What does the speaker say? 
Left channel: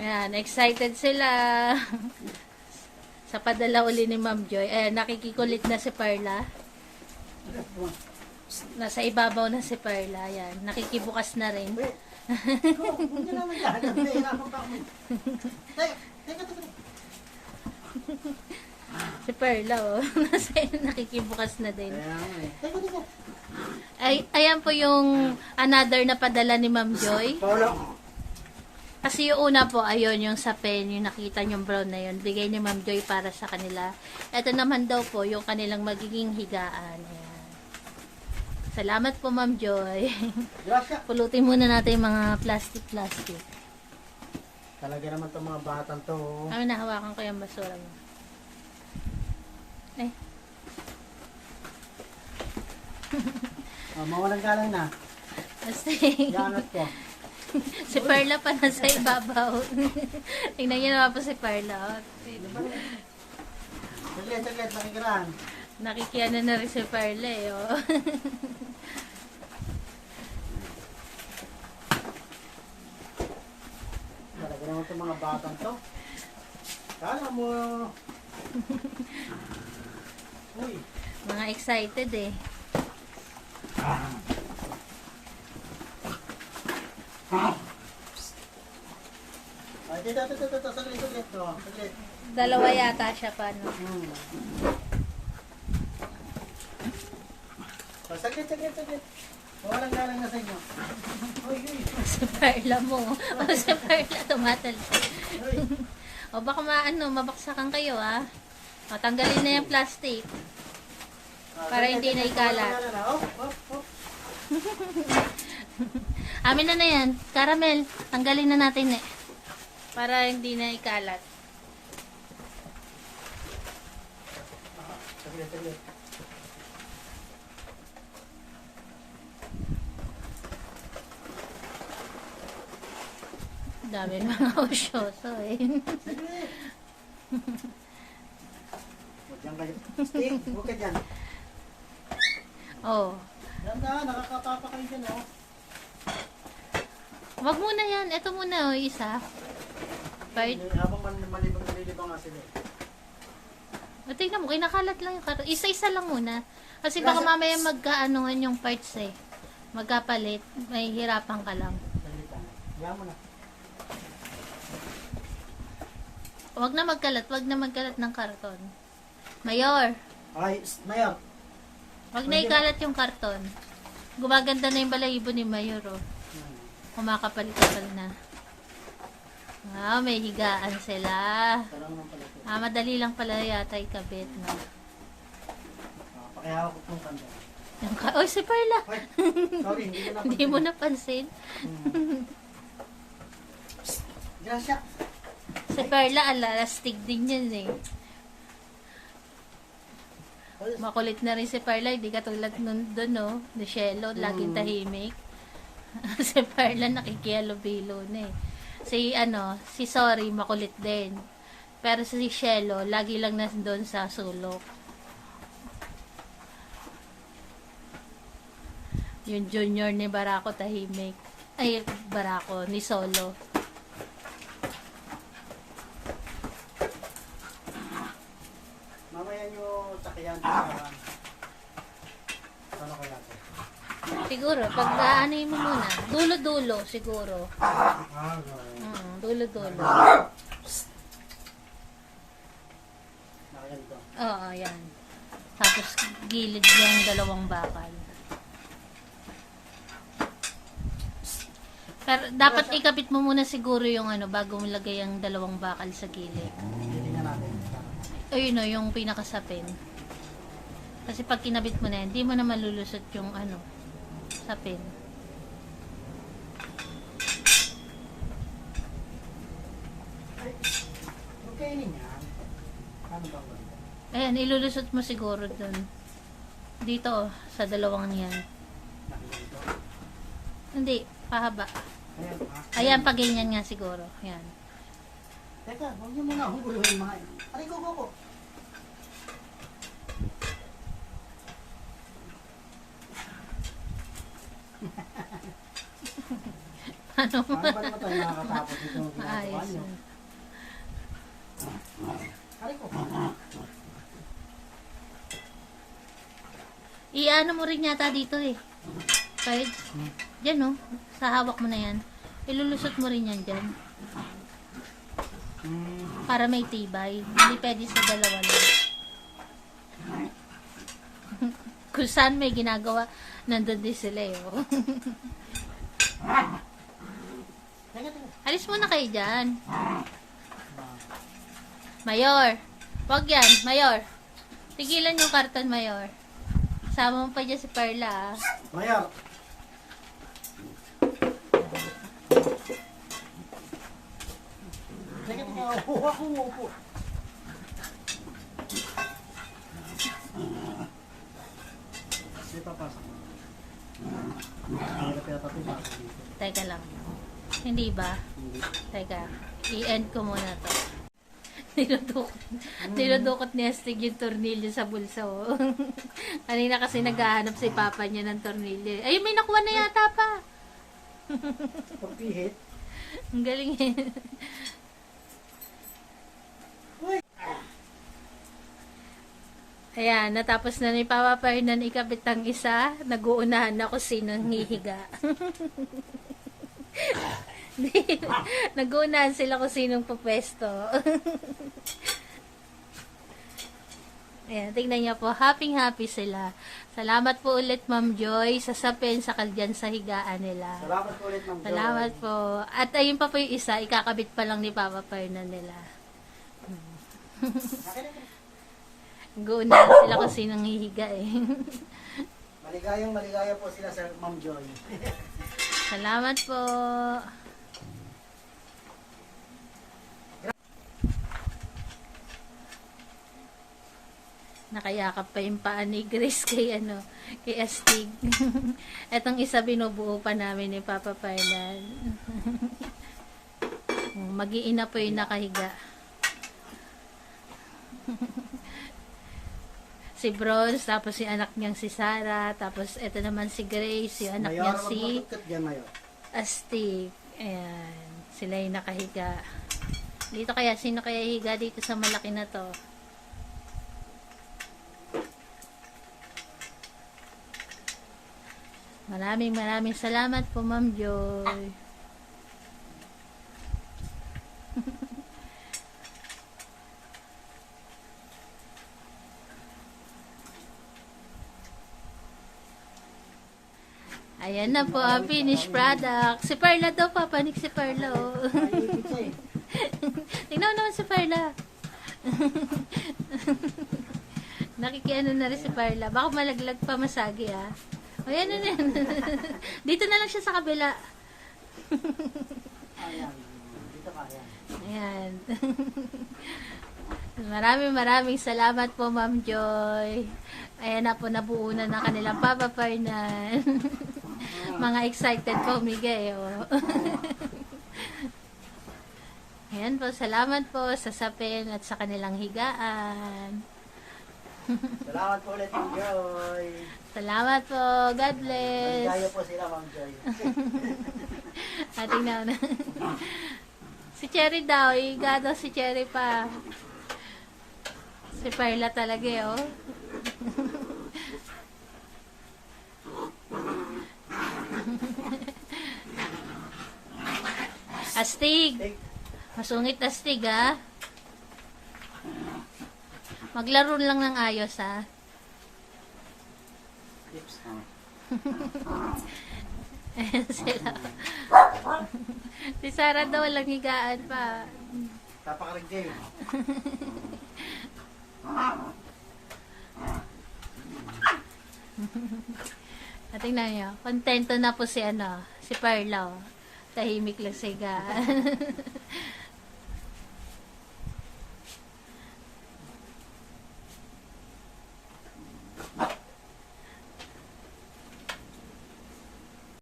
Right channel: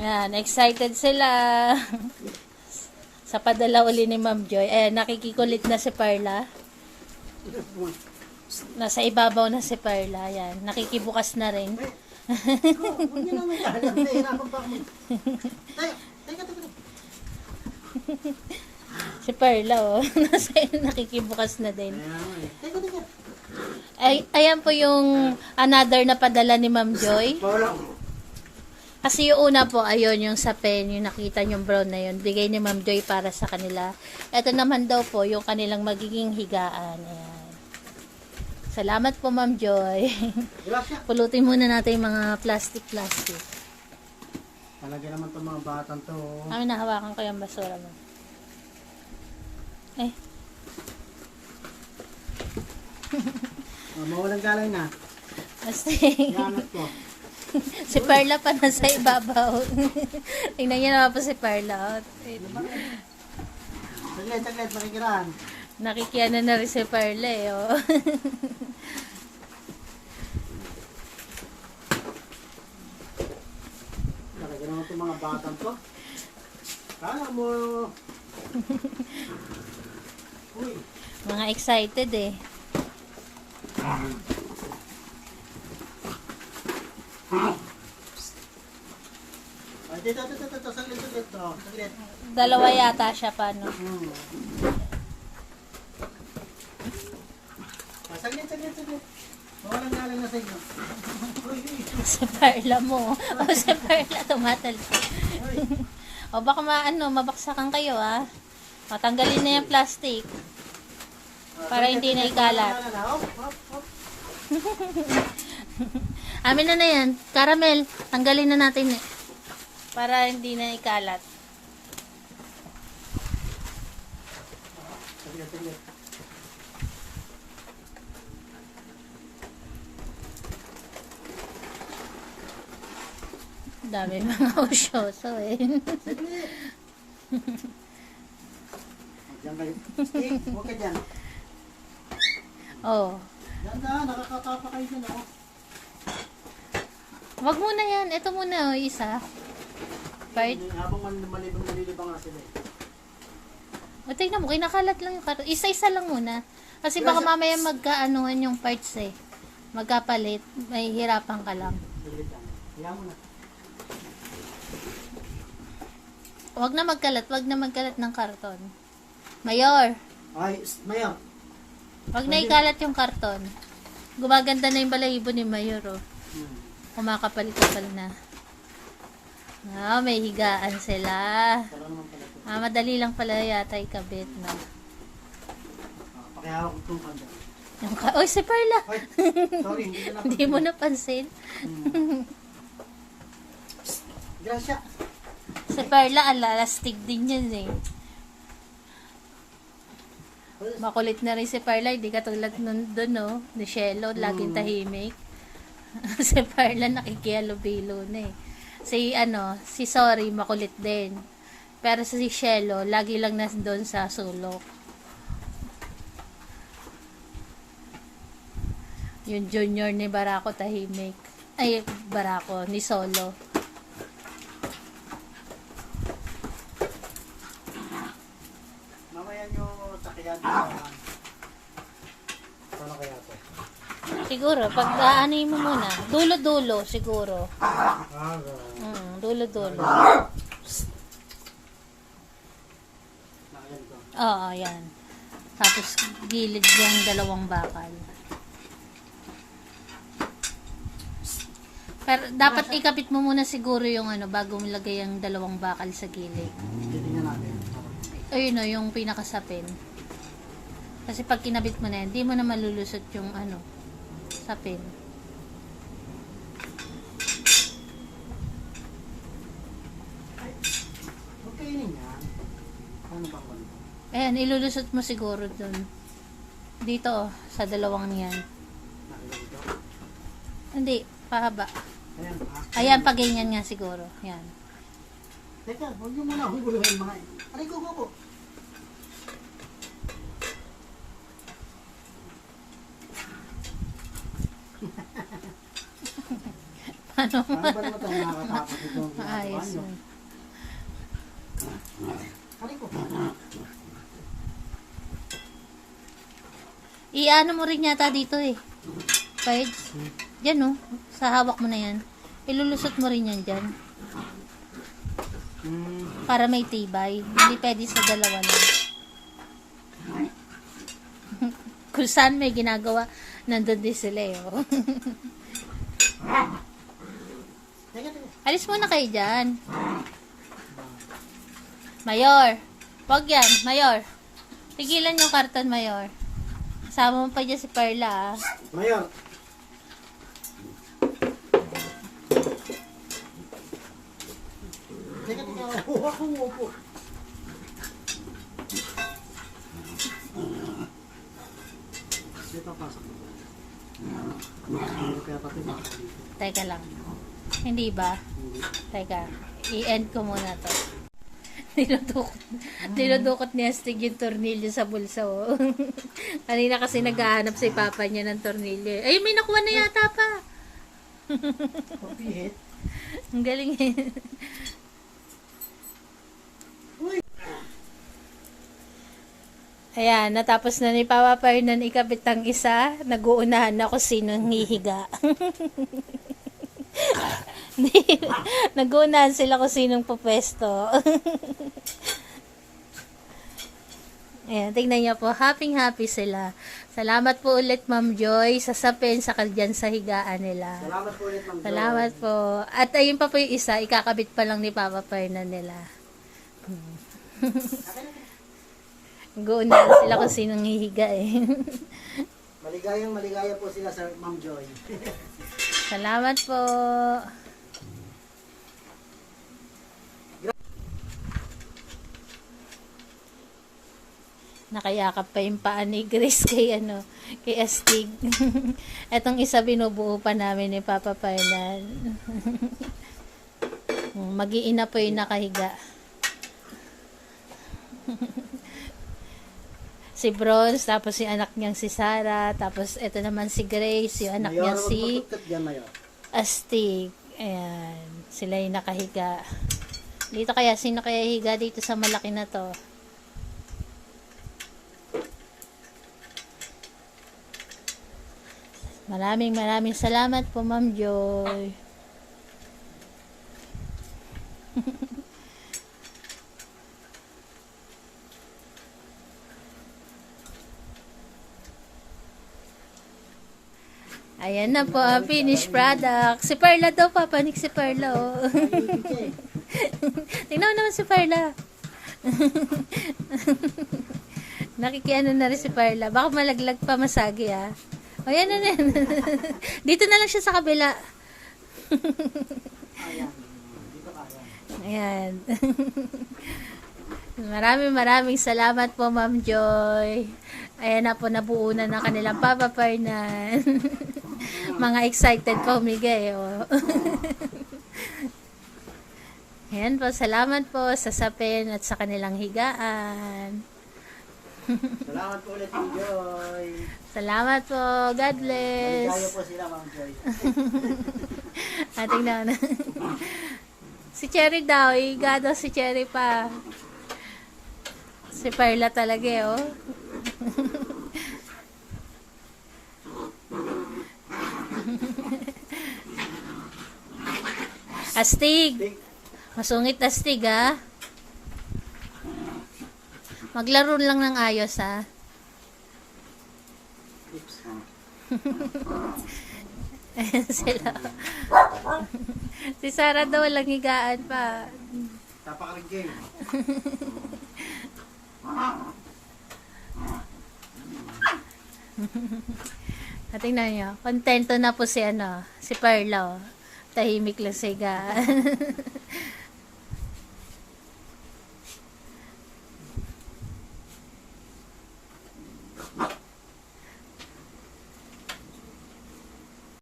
Ayan, excited sila. Sa padala uli ni Ma'am Joy. Ayan, nakikikulik na si Perla. Nasa ibabaw na si Perla. Ayan, nakikibukas na rin. Si Perla, oh. Nasa nakikibukas na din. Eh. Ay, ayan po yung another na padala ni Ma'am Joy. Kasi yung una po, ayun, yung sa pen, yung nakita yung brown na yun, bigay ni Ma'am Joy para sa kanila. Ito naman daw po, yung kanilang magiging higaan. Ayan. Salamat po, Ma'am Joy. Pulutin muna natin yung mga plastic-plastic. Talaga naman itong mga batang to. Ano, nahawakan ko yung basura mo. Eh, Oh, mawalang galang na. kasi Yanat ko. Si Perla pa nasa ibabaw. Tingnan niyo naman po si Perla. Saglit, saglit, makikirahan. Nakikiano na rin si Perla eh. Oh. Talaga naman itong mga batang to. Kala mo. Uy. mga excited eh. Dito, dito, dito, dito, saglit, saglit, to. Saglit. Dalawa yata siya pa, no? Hmm. Oh, saglit, saglit, saglit. Mawalang galang na sa inyo. Sa Perla mo. O sa Perla tumatal. O baka maano, mabaksakan kayo ah. Matanggalin na yung plastic. Para hindi na ikalat. Amin na na yan. Caramel, tanggalin na natin eh. Para hindi na ikalat. Dami mga usyoso eh. Stick, huwag ka oh. Yan na, nakakapapa kayo dyan, oh. Wag muna yan. Ito muna oh, isa. Part. Habang man, malibang nalilibang nga sila. eh. O tingnan mo, kinakalat lang yung karton. Isa-isa lang muna. Kasi baka mamaya magkaanuhan yung parts eh. Magkapalit. May hirapan ka lang. Kaya mo na. Wag na magkalat. Wag na magkalat ng karton. Mayor, Ay, Mayor. wag na ikalat yung karton. Gumaganda na yung balahibo ni Mayor oh. Hmm. Kumakapal-kapal na. Ah, may higaan sila. Ah, madali lang pala yata ikabit na. Oh, pakihawak ko itong kanya. Yung ka Oy, si Perla! Ay, sorry, hindi mo napansin. Hmm. Gracia. Si Perla, alalastig din yun eh. Makulit na rin si Perla, hindi katulad nun doon, no? Ni Shelo, laging Mm. tahimik. si Perla nakikialubilo na eh. Si, ano, si Sorry, makulit din. Pero si Shelo, lagi lang na doon sa sulok. Yung junior ni Barako tahimik. Ay, Barako, ni Solo. Mamaya nyo sakyan sa... Sana kaya to? Siguro, pag aanuin mo muna, dulo-dulo siguro. Ah, ganun. Mm, dulo-dulo. Oo, yan. Tapos gilid yung dalawang bakal. Pero dapat ikapit mo muna siguro yung ano bago mo lagay ang dalawang bakal sa gilid. Ayun o, yung pinakasapin. Kasi pag kinabit mo na yan, di mo na malulusot yung ano, sapin. Huwag kainin yan. Ba ako nito? Ayan, ilulusot mo siguro dun. Dito, oh, sa dalawang yan. Hindi, pahaba. Ayan. Ayan, pag ganyan nga siguro. Yan. Teka, huwag nyo muna huguluhin mga... Aray, go, go, go. Ano? Ano ba naman tayo nakakatapos itong ginagawa nyo? Aray ko. Iano mo rin yata dito eh. Kahit, yan oh. Sa hawak mo na yan. Ilulusot mo rin yan dyan. Para may tibay. Hindi pwede sa dalawa lang. Kung saan may ginagawa, nandun din sila eh. oh. Teka, teka. Alis muna kayo dyan. Mayor. Wag yan, Mayor. Tigilan yung karton, Mayor. Sama mo pa dyan si Perla, ah. Mayor. Teka, teka. Upo upo. Dito. Teka lang. Hindi ba? Hindi. Teka. I-end ko muna to. Dinudukot, dinudukot ni Astig yung tornilyo sa bulsa, oh. Kanina kasi naghahanap si Papa niya ng tornilyo. Ay, may nakuha na yata pa. Ang galing eh. Ayan, natapos na ni Papa Fernan ikabit ang isa. Nag-uunahan na kung sinong hihiga. Nag-uunahan sila kung sinong pupwesto. Ayan, tingnan niyo po. Happy-happy sila. Salamat po ulit, Ma'am Joy, sa sapin sa kalyan sa higaan nila. Salamat po ulit, Ma'am Jo. Salamat po. At ayun pa po yung isa, ikakabit pa lang ni Papa Fernan nila. Guunan sila kung sinong hihiga eh. Maligayang maligaya po sila sa Ma'am Joy. Salamat po. Nakayakap pa yung paa ni Grace kay ano, kay Astig. Etong isa binubuo pa namin ni Papa Fernan. Mag-iina po yung nakahiga. si Bronze, tapos si anak niyang si Sarah, tapos ito naman si Grace, yung anak niya si. Astig. Ayan. Sila yung nakahiga. Dito kaya, sino kaya higa dito sa malaki na to? Maraming maraming salamat po, Ma'am Joy. Ayan na po ang finished product. Si Perla daw, papanik si Perla, oh. Tingnan naman si Perla. Nakikiano na rin si Perla. Baka malaglag pa masagi, ah. O, yan na yan. Dito na lang siya sa kabila. Ayan. Dito ka, ayan. Ayan. maraming maraming salamat po, Ma'am Joy. Ayan na po, nabuo na ng kanilang Papa. Mga excited pa humigay, oh. Ayan po, salamat po sa sapin at sa kanilang higaan. Salamat po ulit, Ma'am Joy. Salamat po. God bless. Maligaya po sila, Ma'am Joy. Ating na. si Cherry daw, iga daw si Cherry pa. Si Perla talaga eh, oh. Astig. Masungit astig, ha? Maglaro lang ng ayos, ha? Sila. si Sarah daw walang higaan pa. Tapakarig game. At tingnan nyo, kontento na po si ano, si Perla. oh. Tahimik lang siya.